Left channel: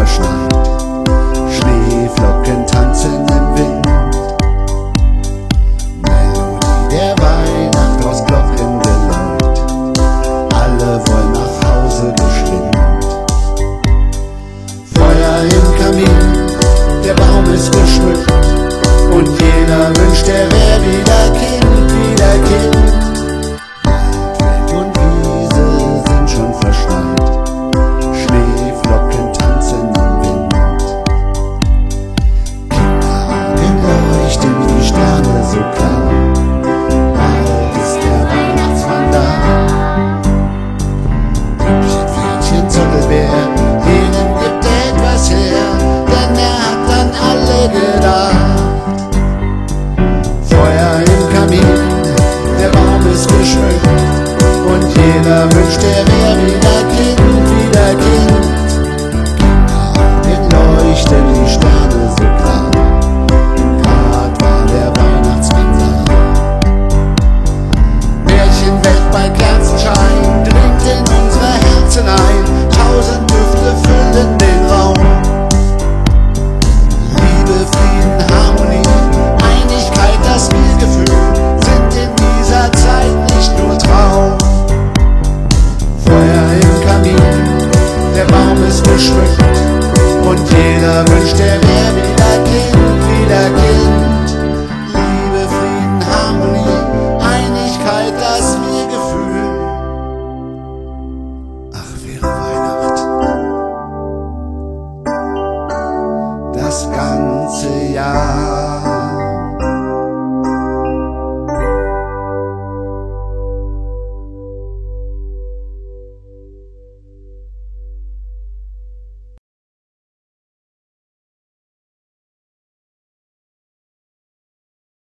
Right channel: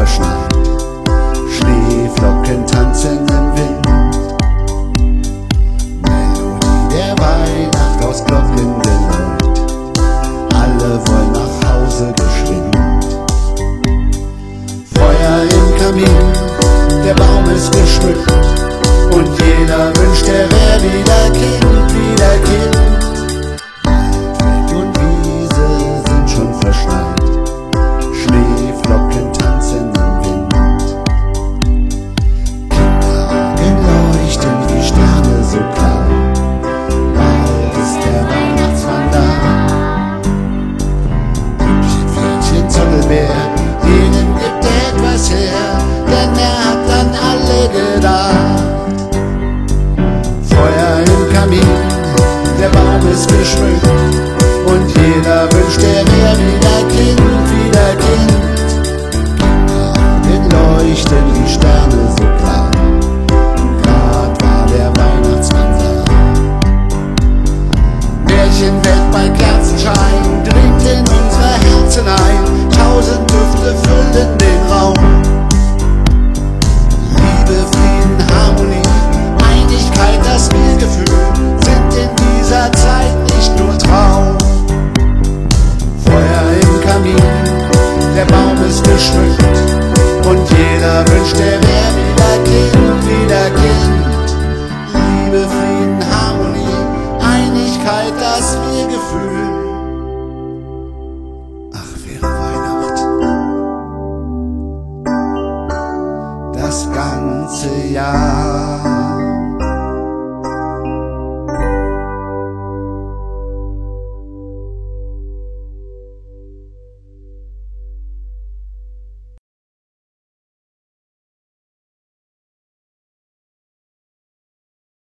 verschneit. Schneeflocken tanzen im Wind, Melodie der Weihnacht aus Glockengeläut. Alle wollen nach Hause geschwind. Feuer im Kamin, der Baum ist geschmückt und jeder wünscht, er wär wieder Kind, wieder Kind. Wald, Feld und Wiese sind schon verschneit, Schneeflocken tanzen im Wind. Kinderaugen leuchten wie Sterne so klar, bald ist der Weihnachtsmann da. Püppchen, Pferdchen, Zottelbär, jedem gibt etwas her, denn er hat an alle gedacht. Feuer im Kamin, der Baum ist geschmückt und jeder wünscht, er wär wieder Kind, wieder Kind. Kinderaugen leuchten die Sterne so klar, grad war der Weihnachtsmann da. Märchenwelt bei Kerzenschein dringt in unsere Herzen ein, 1000 Düfte füllen den Raum. Liebe, Frieden, Harmonie, Einigkeit, das Wir-Gefühl sind in dieser Zeit nicht nur Traum. Feuer im Kamin, der Baum ist geschmückt und jeder wünscht, er wär wieder Kind, wieder Kind. Liebe, Frieden, Harmonie, Einigkeit, das Wir-Gefühl. Ach, wäre Weihnacht das ganze Jahr.